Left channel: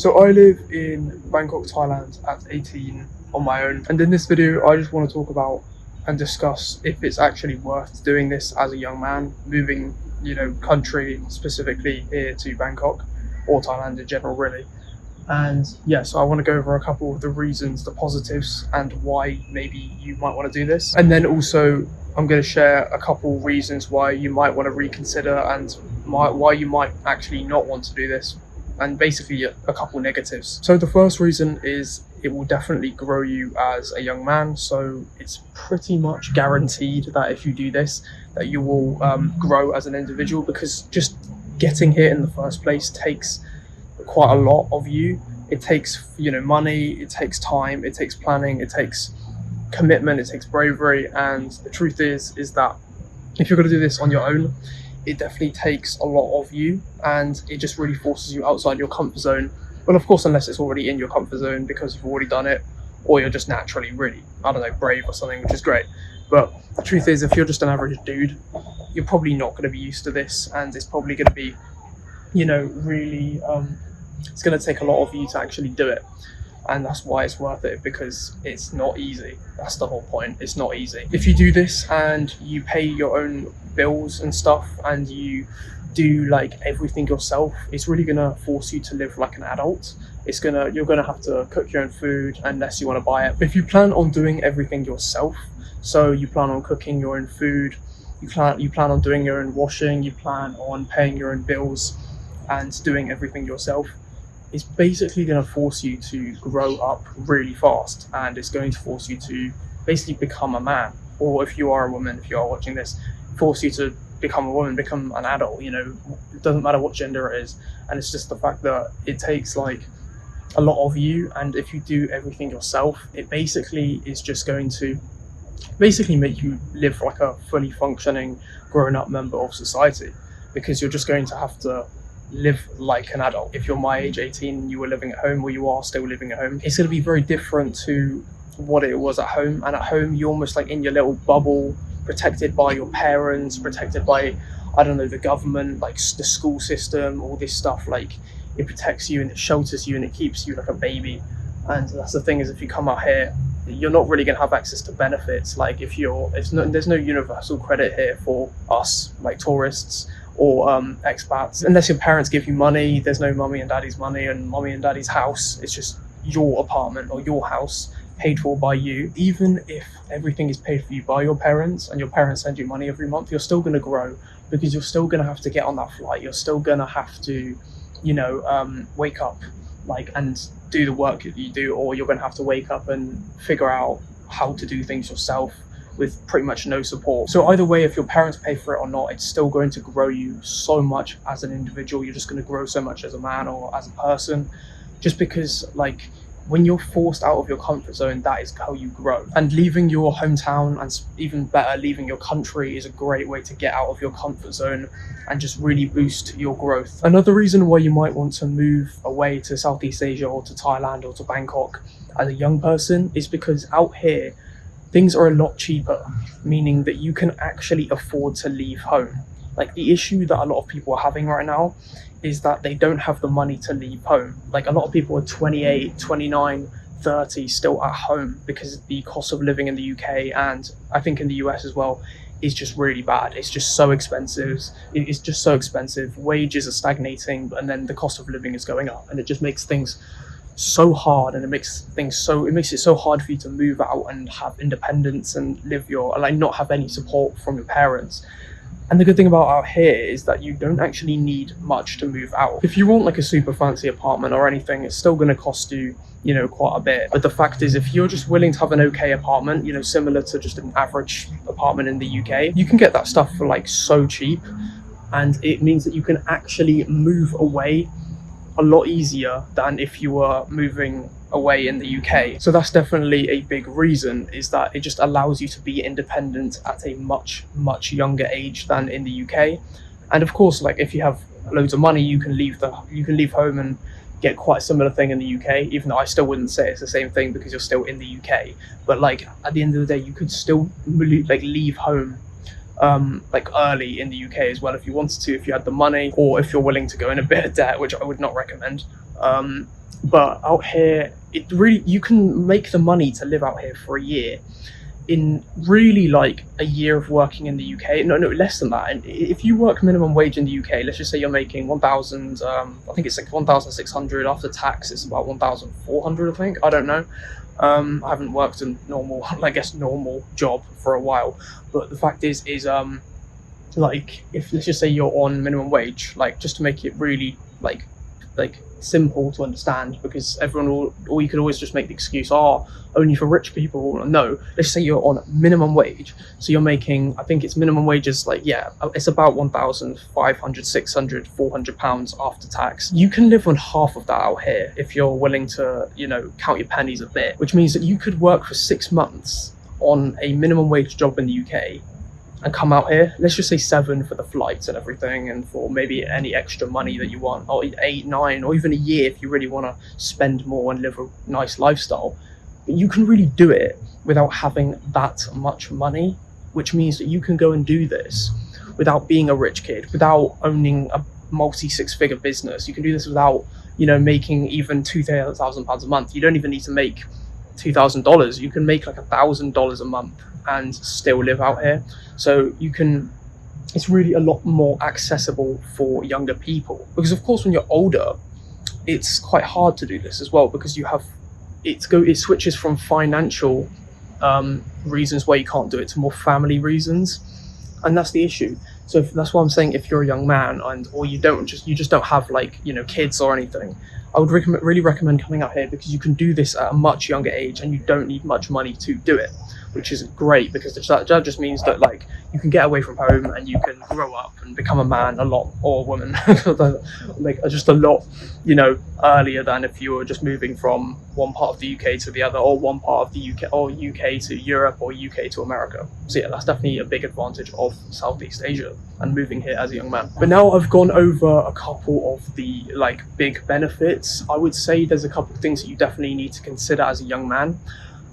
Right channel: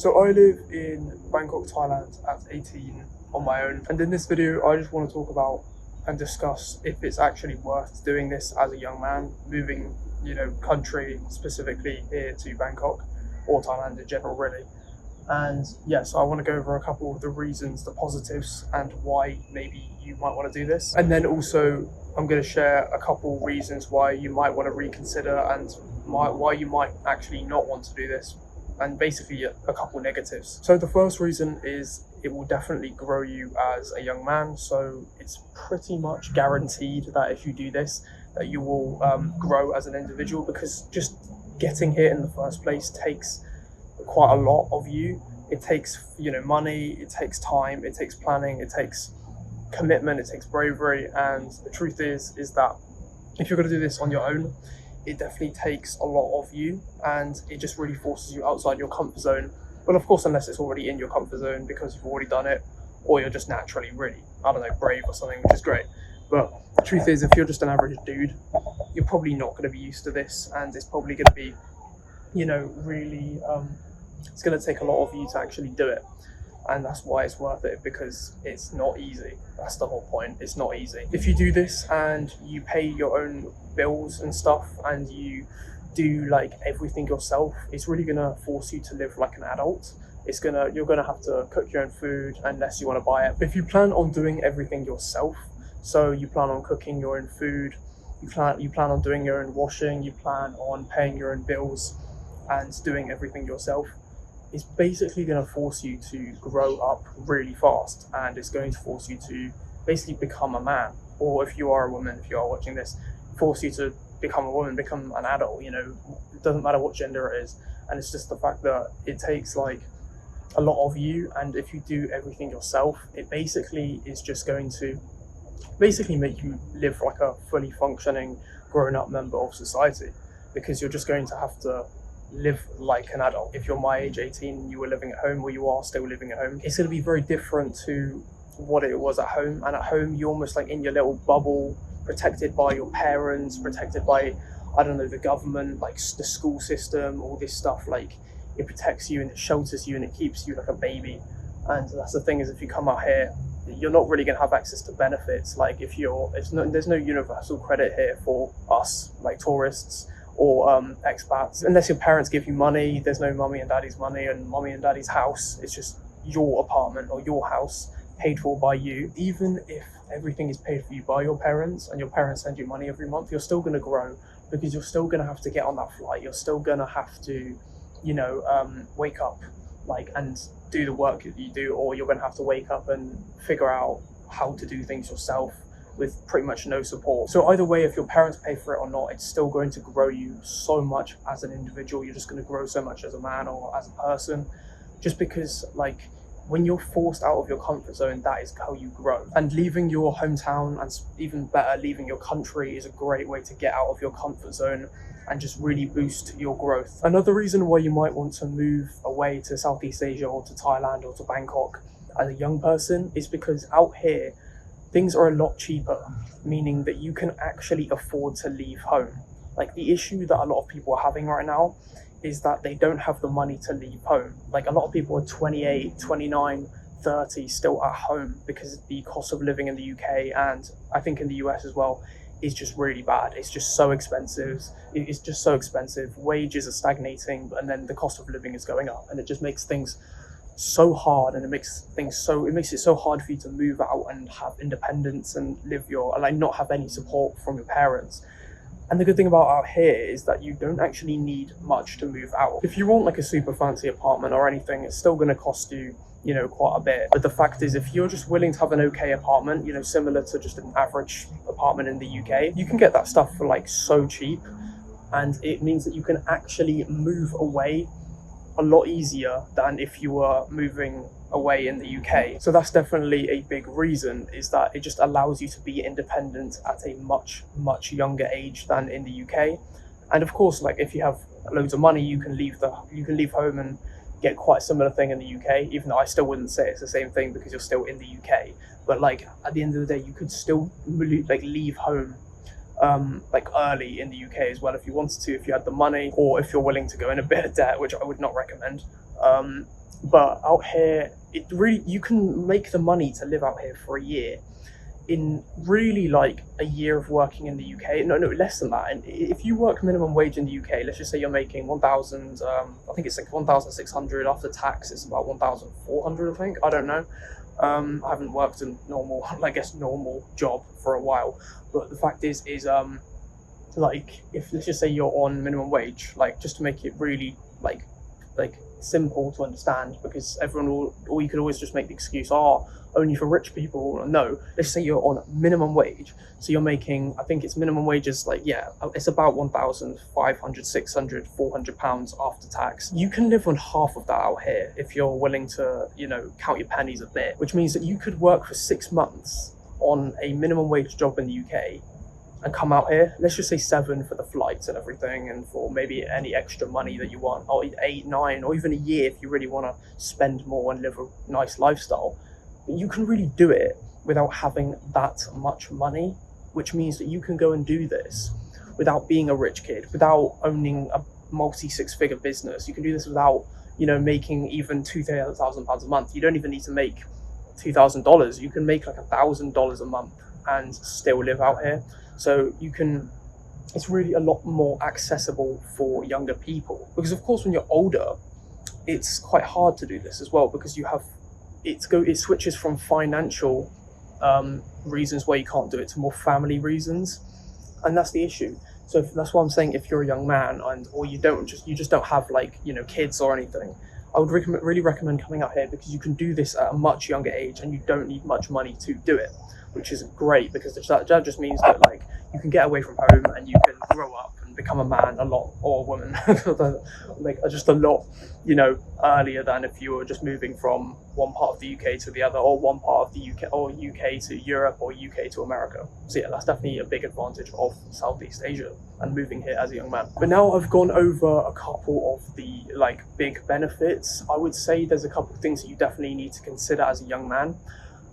So I live in Bangkok, Thailand at 18 on my own. And in this video, I just want to talk about and discuss if it's actually worth doing this as a young man, moving, country specifically here to Bangkok or Thailand in general, really. And yeah, so I want to go over a couple of the reasons, the positives, and why maybe you might want to do this. And then also, I'm going to share a couple reasons why you might want to reconsider and why you might actually not want to do this, and basically a couple negatives. So the first reason is it will definitely grow you as a young man. So it's pretty much guaranteed that if you do this, that you will grow as an individual, because just getting here in the first place takes quite a lot of you. It takes money, it takes time, it takes planning, it takes commitment, it takes bravery. And the truth is that if you're going to do this on your own, it definitely takes a lot of you, and it just really forces you outside your comfort zone. Well, of course, unless it's already in your comfort zone because you've already done it, or you're just naturally really, brave or something, which is great. But the truth is, if you're just an average dude, you're probably not going to be used to this, and it's probably going to be, really, it's going to take a lot of you to actually do it. And that's why it's worth it, because it's not easy. That's the whole point. It's not easy. If you do this and you pay your own bills and stuff, and you do like everything yourself, it's really gonna force you to live like an adult. You're gonna have to cook your own food unless you want to buy it. But if you plan on doing everything yourself, so you plan on cooking your own food, you plan on doing your own washing, you plan on paying your own bills and doing everything yourself, it's basically going to force you to grow up really fast, and it's going to force you to basically become a man. Or if you are a woman, if you are watching this, force you to become a woman, become an adult. It doesn't matter what gender it is. And it's just the fact that it takes like a lot of you, and if you do everything yourself, it basically is just going to basically make you live like a fully functioning grown up member of society, because you're just going to have to live like an adult. If you're my age, 18, and you were living at home, or you are still living at home, it's going to be very different to what it was at home. And at home, you're almost like in your little bubble, protected by your parents, protected by, the government, like the school system, all this stuff. Like, it protects you and it shelters you and it keeps you like a baby. And that's the thing, is if you come out here, you're not really going to have access to benefits. Like, there's no universal credit here for us, like tourists or expats. Unless your parents give you money, there's no mummy and daddy's money and mummy and daddy's house. It's just your apartment or your house paid for by you. Even if everything is paid for you by your parents and your parents send you money every month, you're still going to grow, because you're still going to have to get on that flight. You're still going to have to, wake up and do the work that you do, or you're going to have to wake up and figure out how to do things yourself with pretty much no support. So either way, if your parents pay for it or not, it's still going to grow you so much as an individual. You're just going to grow so much as a man or as a person, just because when you're forced out of your comfort zone, that is how you grow. And leaving your hometown, and even better, leaving your country, is a great way to get out of your comfort zone and just really boost your growth. Another reason why you might want to move away to Southeast Asia or to Thailand or to Bangkok as a young person is because out here, things are a lot cheaper, meaning that you can actually afford to leave home. Like, the issue that a lot of people are having right now is that they don't have the money to leave home. Like, a lot of people are 28, 29, 30 still at home, because the cost of living in the UK, and I think in the US as well, is just really bad. It's just so expensive. It's just so expensive. Wages are stagnating, and then the cost of living is going up, and it just makes things so hard, and it makes it so hard for you to move out and have independence and live not have any support from your parents. And the good thing about out here is that you don't actually need much to move out. If you want like a super fancy apartment or anything, it's still going to cost you, quite a bit. But the fact is, if you're just willing to have an okay apartment, similar to just an average apartment in the UK, you can get that stuff for like so cheap. And it means that you can actually move away a lot easier than if you were moving away in the UK. So that's definitely a big reason, is that it just allows you to be independent at a much, much younger age than in the UK. And of course, like, if you have loads of money, you can leave home and get quite a similar thing in the UK, even though I still wouldn't say it's the same thing because you're still in the UK. But like, at the end of the day, you could still leave home early in the UK as well if you wanted to, if you had the money, or if you're willing to go in a bit of debt, which I would not recommend. But out here, it really, you can make the money to live out here for a year in really like a year of working in the UK. No, less than that. And if you work minimum wage in the UK, let's just say you're making 1,000. I think it's like 1,600 after tax. It's about 1,400. I think. I don't know. I haven't worked a normal, I guess, normal job for a while. But the fact is like if let's just say you're on minimum wage, like just to make it really like simple to understand, because everyone will, or you could always just make the excuse, oh, only for rich people. No, let's say you're on minimum wage, so you're making, I think it's minimum wages, like, yeah, it's about 1,500, 600, 400 pounds after tax. You can live on half of that out here if you're willing to, you know, count your pennies a bit, which means that you could work for 6 months on a minimum wage job in the UK and come out here, let's just say 7 for the flights and everything, and for maybe any extra money that you want, or 8, 9, or even a year if you really want to spend more and live a nice lifestyle. But you can really do it without having that much money, which means that you can go and do this without being a rich kid, without owning a multi 6-figure business. You can do this without, you know, making even £2,000 a month. You don't even need to make $2,000. You can make like $1,000 a month and still live out here. So you can, it's really a lot more accessible for younger people, because of course when you're older it's quite hard to do this as well, because you have it switches from financial reasons where you can't do it to more family reasons, and that's the issue. So that's why I'm saying, if you're a young man and or you just don't have, like, you know, kids or anything, I would really recommend coming out here, because you can do this at a much younger age and you don't need much money to do it, which is great, because that just means that, like, you can get away from home and you can grow up and become a man a lot, or a woman, like just a lot, you know, earlier than if you were just moving from one part of the UK to the other, or one part of the UK, or UK to Europe, or UK to America. So yeah, that's definitely a big advantage of Southeast Asia and moving here as a young man. But now I've gone over a couple of the, like, big benefits. I would say there's a couple of things that you definitely need to consider as a young man.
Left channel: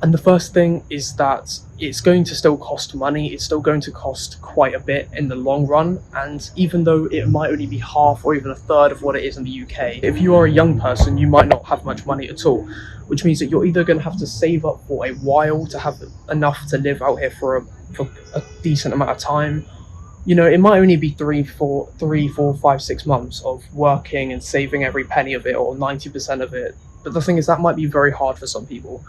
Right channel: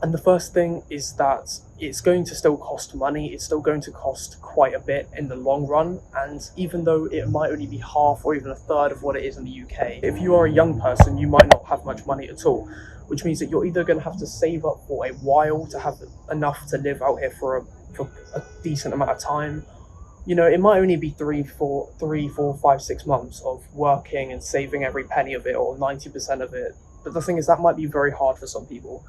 And the first thing is that it's going to still cost money. It's still going to cost quite a bit in the long run. And even though it might only be half or even a third of what it is in the UK, if you are a young person, you might not have much money at all, which means that you're either going to have to save up for a while to have enough to live out here for a decent amount of time. You know, it might only be 3, 4, 5, 6 months of working and saving every penny of it, or 90% of it. But the thing is, that might be very hard for some people.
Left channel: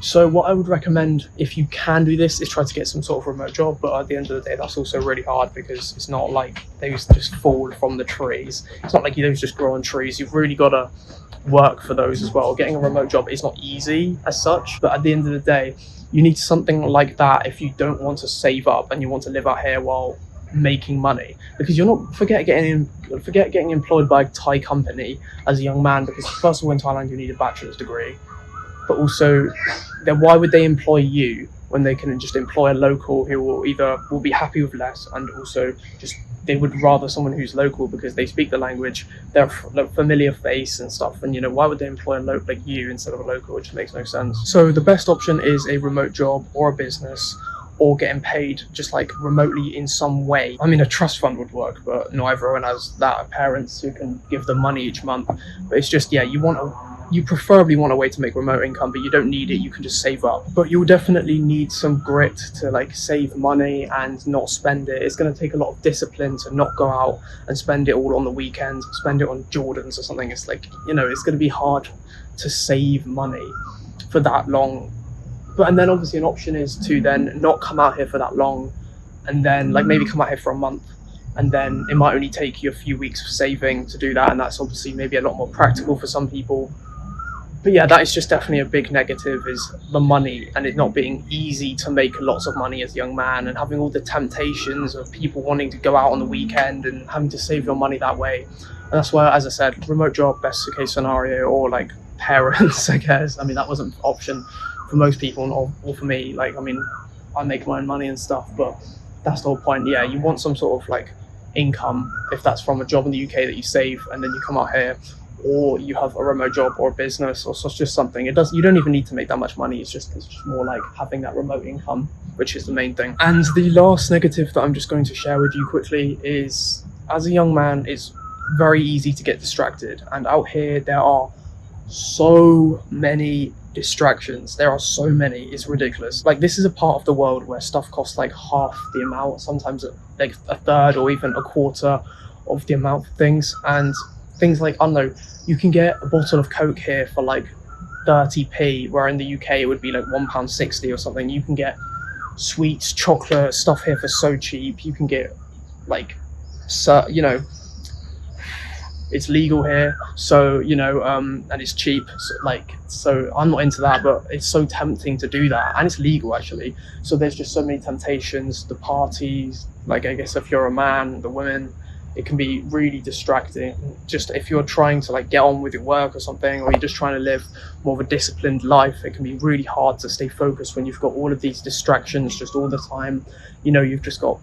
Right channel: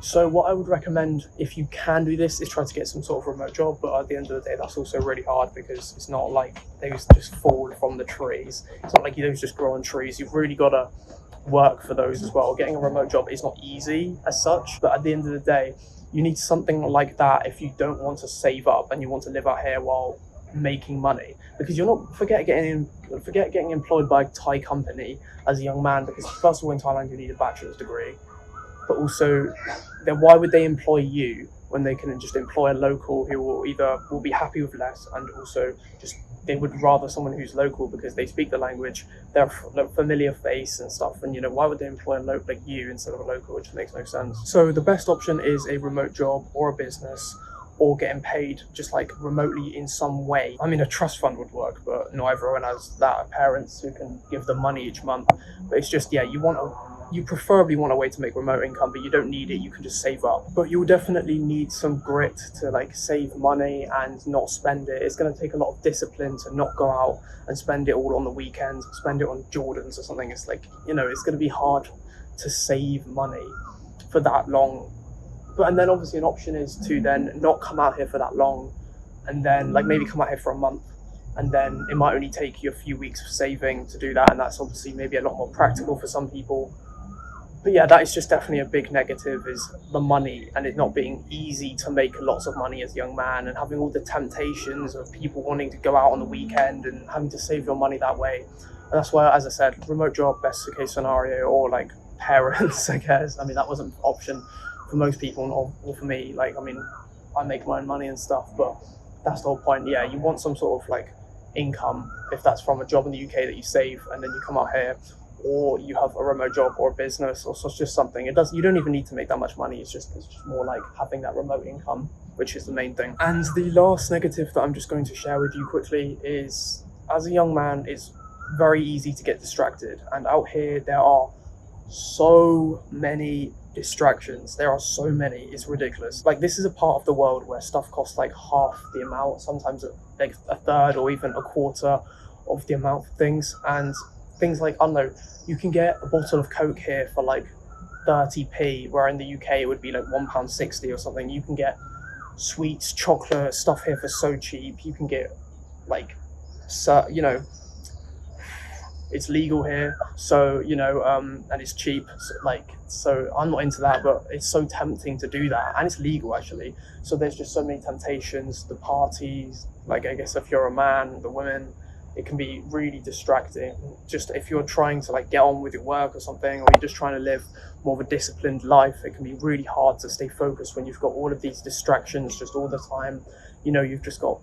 So what I would recommend, if you can do this, is try to get some sort of remote job. But at the end of the day, that's also really hard, because it's not like those just fall from the trees. It's not like those just grow on trees. You've really got to work for those as well. Getting a remote job is not easy as such, but at the end of the day, you need something like that if you don't want to save up and you want to live out here while making money, because you're not forget getting employed by a Thai company as a young man, because first of all, in Thailand you need a bachelor's degree, but also, then why would they employ you when they can just employ a local who will be happy with less, and also just they would rather someone who's local because they speak the language, they're a familiar face and stuff. And, you know, why would they employ a local like you instead of a local? Which makes no sense. So the best option is a remote job or a business, or getting paid just like remotely in some way. I mean, a trust fund would work, but not everyone has that. Parents who can give them money each month. But it's just, yeah, you preferably want a way to make remote income, but you don't need it. You can just save up. But you'll definitely need some grit to, like, save money and not spend it. It's going to take a lot of discipline to not go out and spend it all on the weekends, spend it on Jordans or something. It's like, you know, it's going to be hard to save money for that long. And then obviously an option is to then not come out here for that long, and then like maybe come out here for a month, and then it might only take you a few weeks of saving to do that, and that's obviously maybe a lot more practical for some people. But yeah, that is just definitely a big negative, is the money, and it not being easy to make lots of money as a young man, and having all the temptations of people wanting to go out on the weekend and having to save your money that way. And that's why, as I said, remote job, best case scenario, or like parents, I guess. I mean, that wasn't an option for most people, or for me. Like, I mean, I make my own money and stuff, but that's the whole point. Yeah, you want some sort of like income, if that's from a job in the UK that you save, and then you come out here, or you have a remote job or a business, or just something. You don't even need to make that much money. It's just more like having that remote income, which is the main thing. And the last negative that I'm just going to share with you quickly is, as a young man, it's very easy to get distracted. And out here, there are so many distractions. There are so many. It's ridiculous. Like, this is a part of the world where stuff costs like half the amount, sometimes like a third or even a quarter of the amount of things. And things like, I don't know, you can get a bottle of Coke here for like 30p, where in the UK it would be like £1.60 or something. You can get sweets, chocolate, stuff here for so cheap. You can get like, so, you know, it's legal here, so and it's cheap. So I'm not into that, but it's so tempting to do that, and it's legal actually. So there's just so many temptations. The parties, like, I guess if you're a man, the women, it can be really distracting. Just if you're trying to like get on with your work or something, or you're just trying to live more of a disciplined life, it can be really hard to stay focused when you've got all of these distractions just all the time. You've just got,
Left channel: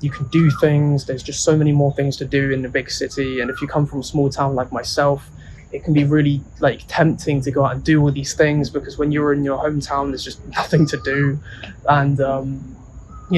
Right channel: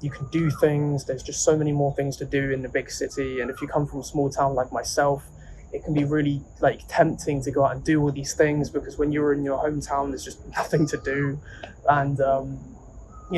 you can do things. There's just so many more things to do in the big city. And if you come from a small town like myself, it can be really like tempting to go out and do all these things, because when you're in your hometown, there's just nothing to do. And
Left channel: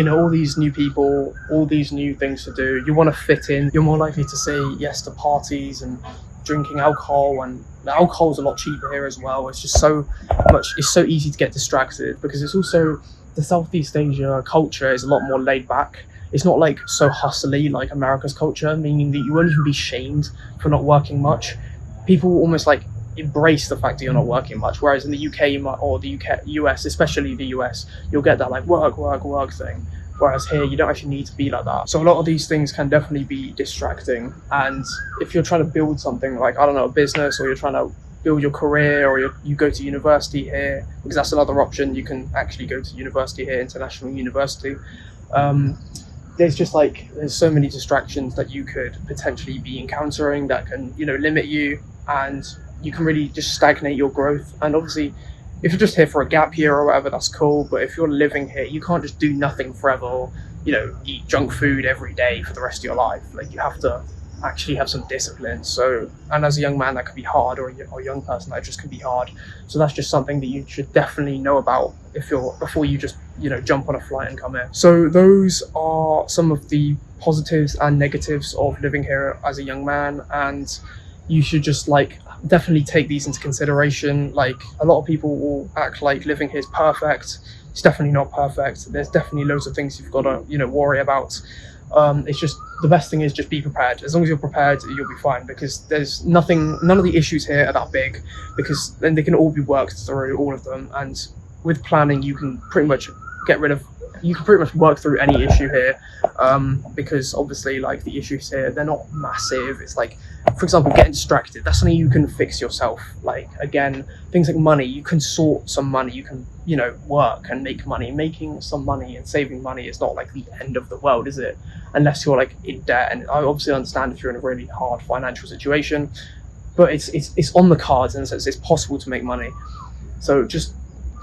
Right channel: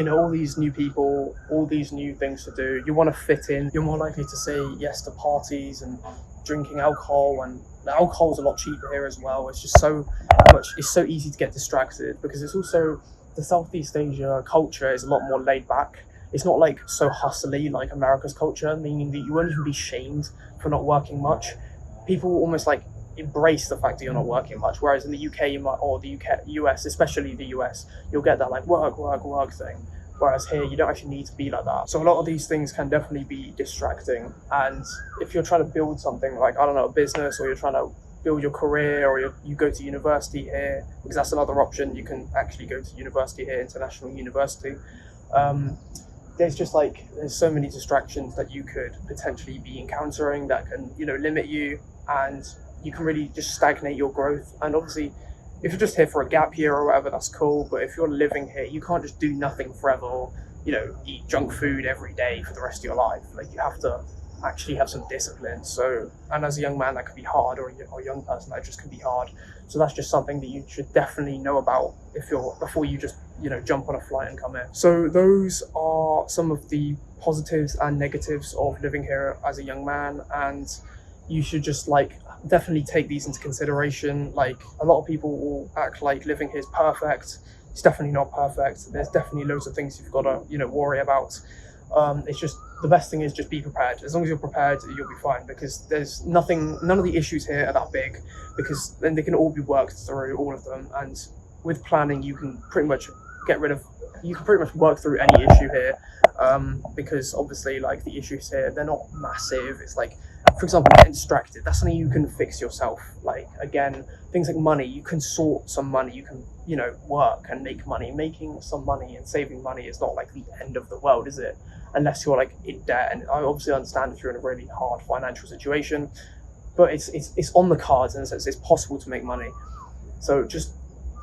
all these new people, all these new things to do. You want to fit in. You're more likely to say yes to parties and drinking alcohol, and the alcohol's a lot cheaper here as well. It's just so much. It's so easy to get distracted, because it's also, the Southeast Asia culture is a lot more laid back. It's not like so hustly like America's culture, meaning that you won't even be shamed for not working much. People almost like embrace the fact that you're not working much. Whereas in the UK, or the US, especially the US, you'll get that like work, work, work thing. Whereas here, you don't actually need to be like that. So a lot of these things can definitely be distracting. And if you're trying to build something like, I don't know, a business, or you're trying to build your career, or you go to university here, because that's another option. You can actually go to university here, international university. There's so many distractions that you could potentially be encountering that can, limit you, and you can really just stagnate your growth. And obviously, if you're just here for a gap year or whatever, that's cool. But if you're living here, you can't just do nothing forever, or, eat junk food every day for the rest of your life. Like, you have to actually have some discipline. So, and as a young man, that can be hard, or a young person, that just can be hard. So that's just something that you should definitely know about before you just, jump on a flight and come here. So those are some of the positives and negatives of living here as a young man, and you should just definitely take these into consideration. Like, a lot of people will act like living here is perfect. It's definitely not perfect. There's definitely loads of things you've got to worry about. It's just, the best thing is just be prepared. As long as you're prepared, you'll be fine, because there's none of the issues here are that big, because then they can all be worked through, all of them. And with planning, you can pretty much work through any issue here, because obviously, like, the issues here, they're not massive. It's like, for example, getting distracted, that's something you can fix yourself. Like, again, things like money, you can sort some money, you can work and make money. Making some money and saving money is not like the end of the world, is it? Unless you're like in debt. And I obviously understand if you're in a really hard financial situation, but it's on the cards, in a sense. It's possible to make money. So just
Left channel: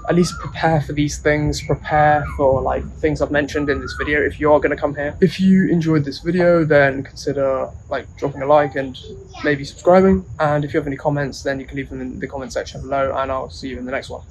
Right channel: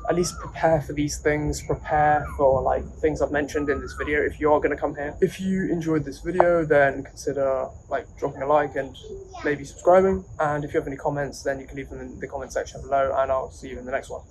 at least prepare for these things. Prepare for like things I've mentioned in this video if you're going to come here. If you enjoyed this video, then consider like dropping a like and maybe subscribing. And if you have any comments, then you can leave them in the comment section below, and I'll see you in the next one.